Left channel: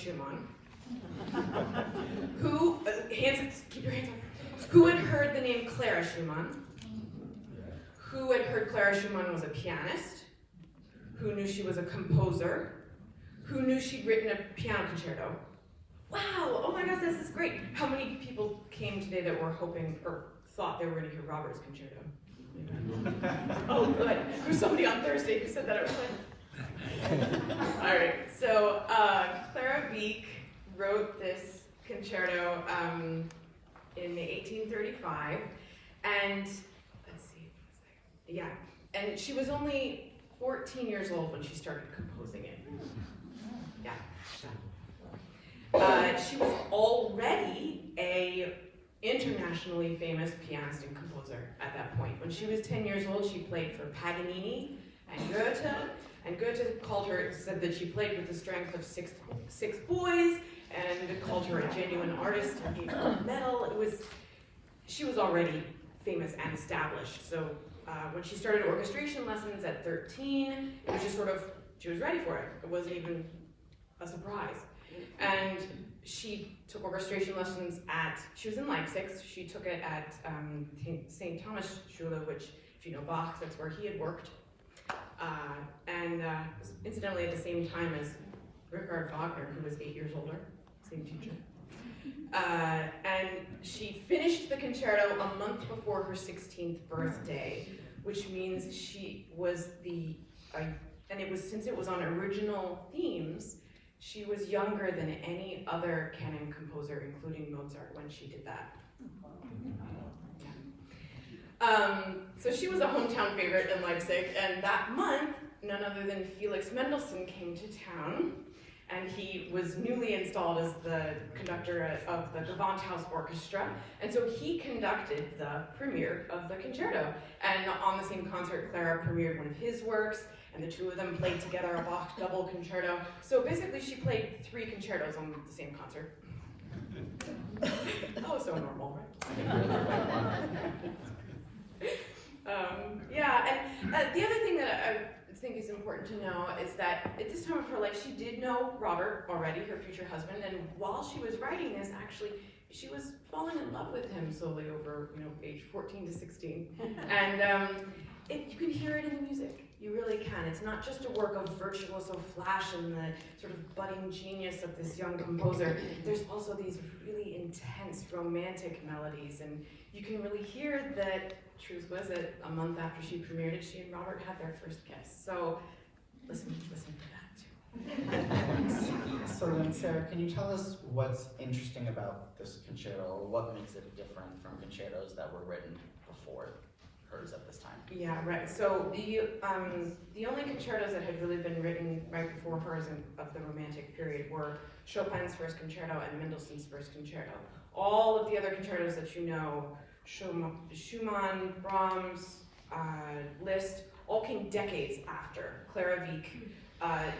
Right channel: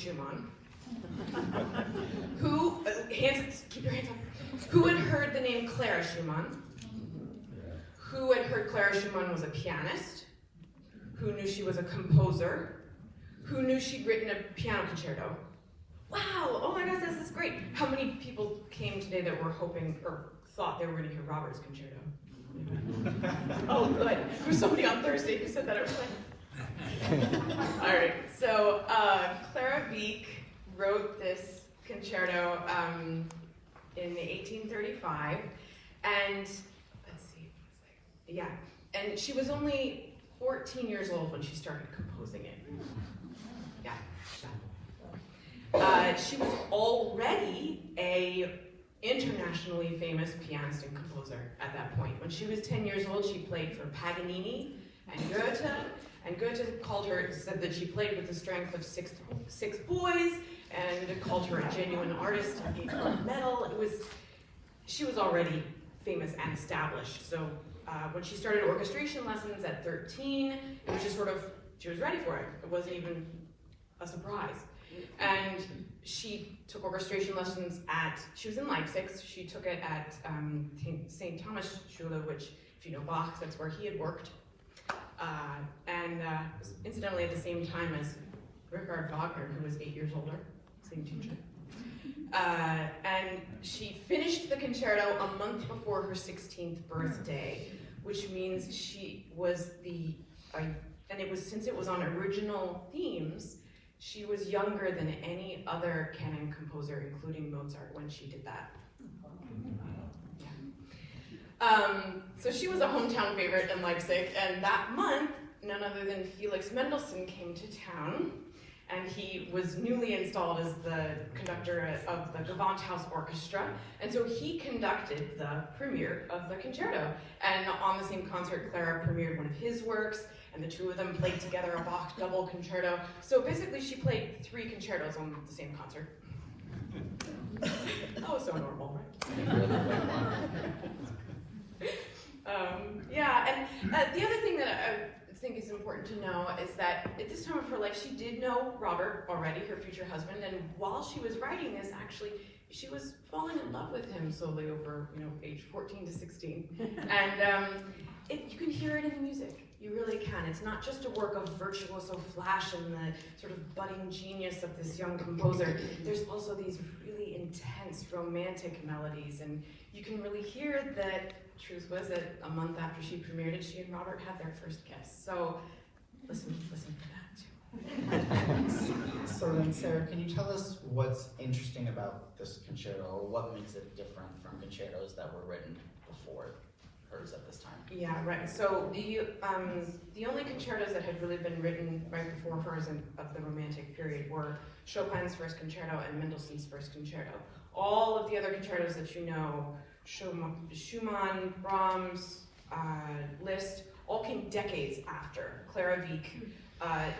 Schumann, who, keep your hands up, who had heard the name Clara Schumann, who had heard Clara Schumann was a pianist, who knew she was a composer, who knew she'd written a piano concerto. Wow, oh my gosh, this is great. How many people came today that were hoping or thought they were going to hear Robert's concerto? Oh, good. There's somebody on Thursday who said that it was fun. All right, so Clara Wieck wrote this concerto in 1835, and let's see, yeah, and she was only 14 years old when she started composing it. Yeah. She was already a internationally famous pianist and composer at that point. When she was 10 years old, she played for Paganini and Goethe called her, said that she played with the strength of six boys, and called her a genuine artist and gave her a medal. She was already famous and established. So when she started orchestration lessons at 13, it was just sort of, she was ready for it. It wasn't even a surprise. And she took orchestration lessons she was in Leipzig, she took it at St. Thomas Schule, which, if you know Bach, that's where he had worked. And incidentally at the same time as Richard Wagner, who was 8 years older, same teacher. And she finished the concerto a month before her 16th birthday, which means she was since it was on original themes, she was younger than any other canon composer, including Mozart, when she did that. Yeah. So she was a hometown favorite in Leipzig, and that month, none other than Felix Mendelssohn came to town, and he was newly installed as the conductor of the Gewandhaus Orchestra, and so he conducted the premiere of the concerto. And on the same concert, Clara premiered one of his works, and the two of them played together a Bach double concerto. So basically she played 3 concertos on the same concert. Oh, so normal, right? Yeah, and the other thing that I think is important to know is that at this time of her life, she did know Robert already, her future husband, and while she was writing this, actually, she was falling in love with him slowly over, age 14 to 16. And you can hear it in the music. You really can. It's not just a work of virtuoso flash and the sort of budding genius of this young composer. There's also these really intense romantic melodies, and you can really hear that. Truth was that a month after she premiered it, she and Robert had their first kiss. So listen for that too. So then, Sarah, can you tell us what's interesting about this concerto? What makes it different from concertos that were written before hers at this time? Yeah, right. So the only concertos that had really been written right before hers of the Romantic period were Chopin's first concerto and Mendelssohn's first concerto. All of the other concertos that you know, Schumann, Brahms, Liszt, all came decades after. Clara Wieck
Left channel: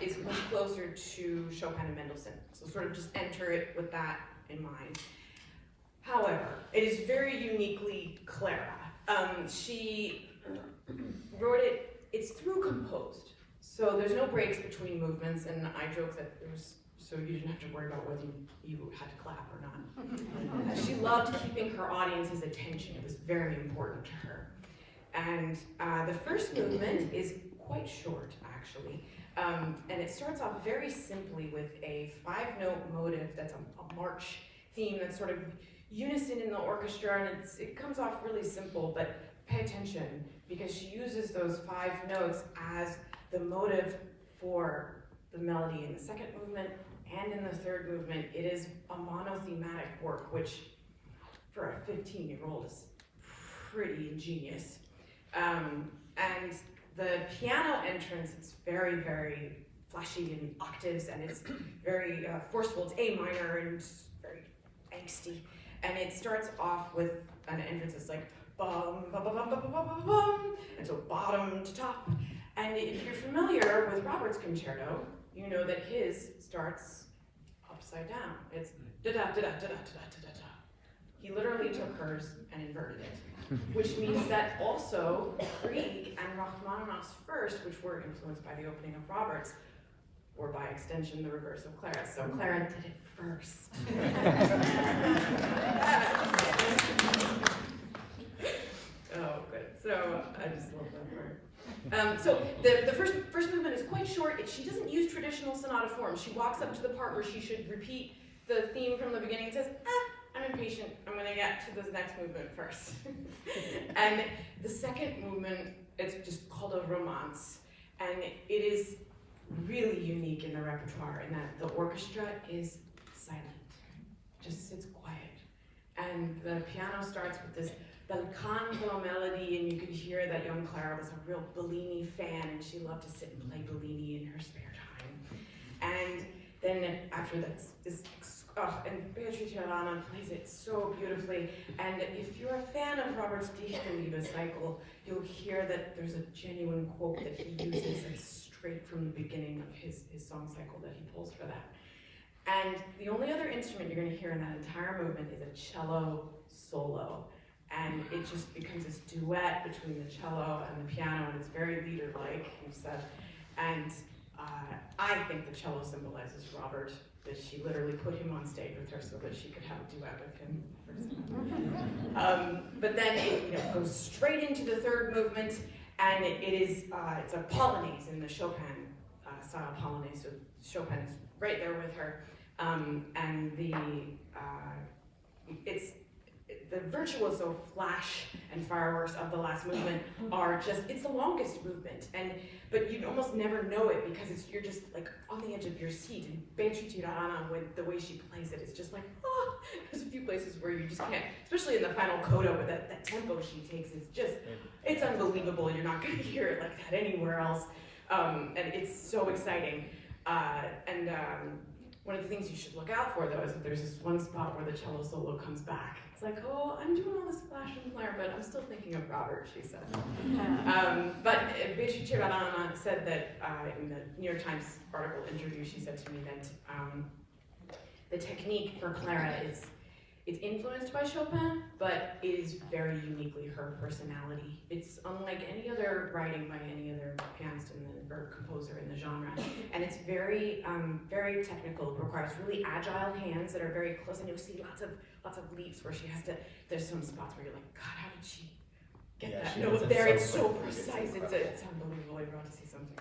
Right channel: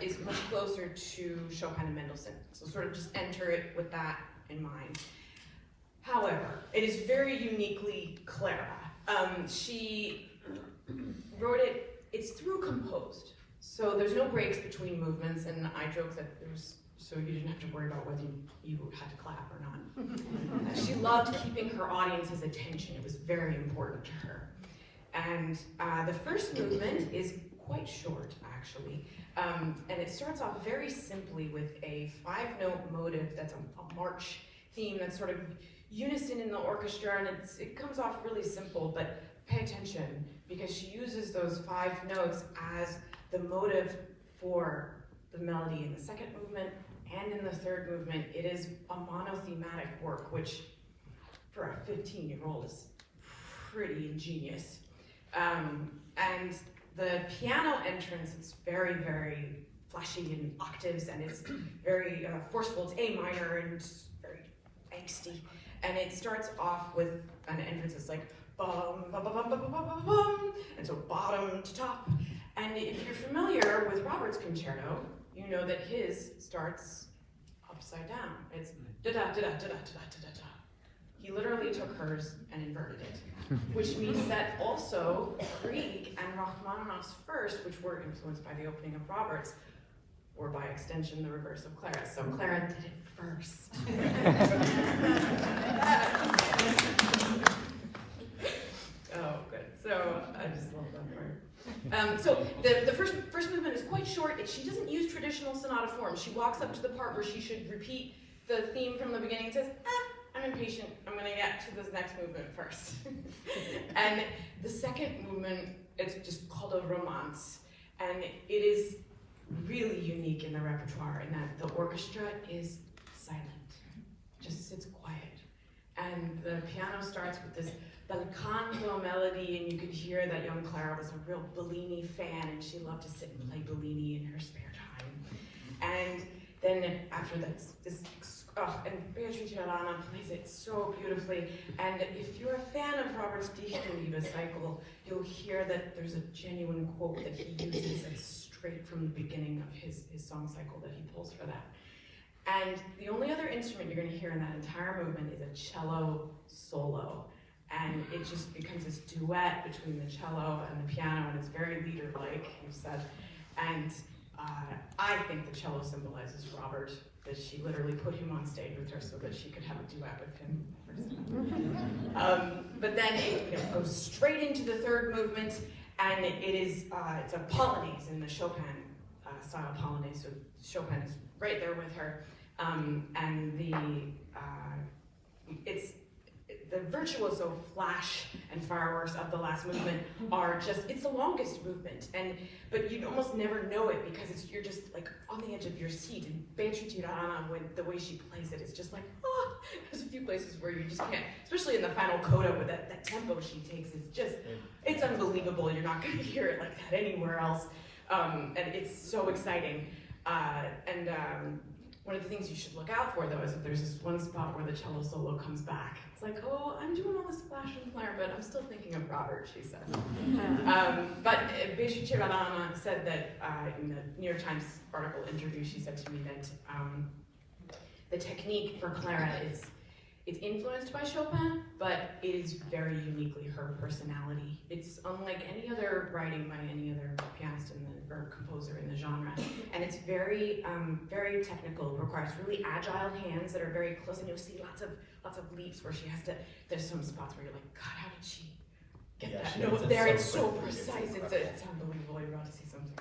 is much closer to Chopin and Mendelssohn. So sort of just enter it with that in mind. However, it is very uniquely Clara. She wrote it, it's through composed. So there's no breaks between movements, and I joke that so you didn't have to worry about whether you had to clap or not. She loved keeping her audience's attention. It was very important to her. And the first movement is quite short, actually. And it starts off very simply with a 5-note motive that's a march theme that's sort of unison in the orchestra, and it comes off really simple, but pay attention, because she uses those 5 notes as the motive for the melody in the second movement and in the third movement. It is a monothematic work, which for a 15-year-old is pretty ingenious. And the piano entrance, it's very, very flashy in octaves, and it's very forceful. It's A minor and very angsty. And it starts off with an entrance that's like bum, bum, bum, bum, bum, bum, bum, bum, and so bottom to top. And if you're familiar with Robert's concerto, you know that his starts upside down. It's da da da da da da da da da. He literally took hers and inverted it, which means that also Grieg and Rachmaninoff's first, which were influenced by the opening of Robert's, or by extension, the reverse of Clara. So Clara did it first. Oh, good. So I just love that part. So the first movement is quite short. She doesn't use traditional sonata form. She walks up to the part where she should repeat the theme from the beginning and says, I'm impatient. I'm going to get to this next movement first. And the second movement, it's just called a romance. And it is really unique in the repertoire in that the orchestra is silent, just sits quiet. And the piano starts with this bel canto melody, and you could hear that young Clara was a real Bellini fan, and she loved to sit and play Bellini in her spare time. And then after that, and Beatrice Rana plays it so beautifully. And if you're a fan of Robert's Dichterliebe cycle, you'll hear that there's a genuine quote that he uses that's straight from the beginning of his song cycle that he pulls for that. And the only other instrument you're going to hear in that entire movement is a cello solo. And it just becomes this duet between the cello and the piano, and it's very Lieder-like, he said. And I think the cello symbolizes Robert, that she literally put him on stage with her so that she could have a duet with him. But then it goes straight into the third movement, and it's a polonaise in the Chopin style polonaise. So Chopin is right there with her, and the virtuoso flash and fireworks of the last movement are it's the longest movement, but you almost never know it because you're just like on the edge of your seat. And Beatrice Rana, the way she plays it, it's just like, there's a few places where you just can't, especially in the final coda with that tempo she takes, it's unbelievable. You're not going to hear it like that anywhere else. And it's so exciting. One of the things you should look out for, though, is that there's this one spot where the cello solo comes back. It's like, I'm doing all this flash and flare, but I'm still thinking of Robert, she said. But Beatrice Rana said that in the New York Times article interview, she said to me that the technique for Clara it's influenced by Chopin, but it is very uniquely her personality. It's unlike any other writing by any other pianist or composer in the genre, and it's very, very technical. It requires really agile hands that are very close, and you'll see lots of leaps where she has to. There's some spots where you're like, God, how did she get that note there? It's so precise. It's unbelievable. You're about to see something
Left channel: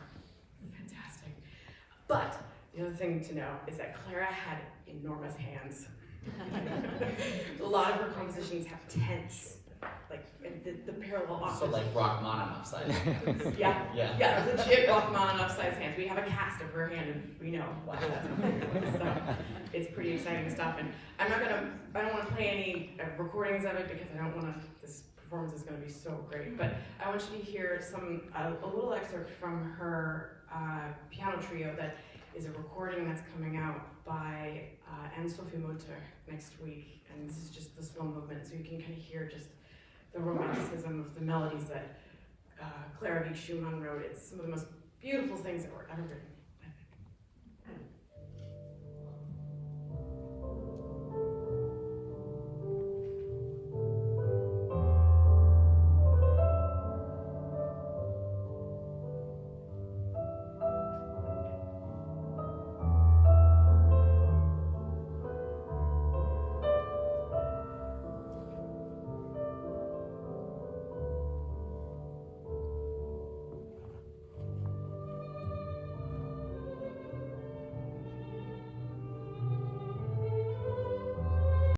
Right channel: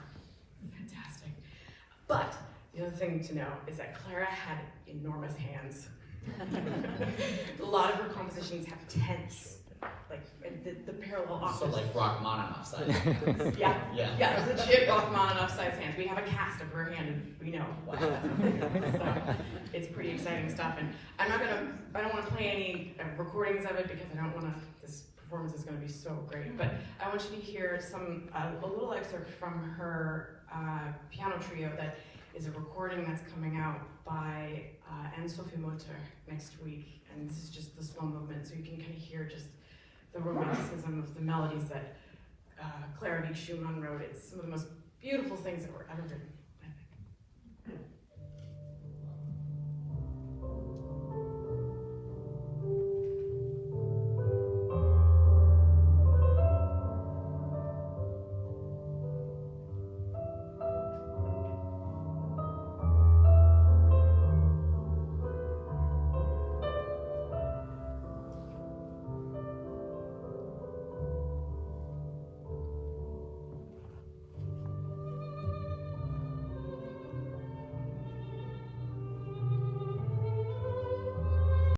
fantastic. But the other thing to know is that Clara had enormous hands. A lot of her compositions have tense, like the parallel octaves. So like Rachmaninoff size hands. Yeah, legit Rachmaninoff size hands. We have a cast of her hand, and we know. Wow. So it's pretty exciting stuff. And I don't want to play any recordings of it because this performance is going to be so great. But I want you to hear a little excerpt from her piano trio that is a recording that's coming out by Anne-Sophie Mutter next week, and this is just the slow movement, so you can kind of hear just the romanticism of the melodies that Clara Wieck-Schumann wrote. It's some of the most beautiful things that were ever written.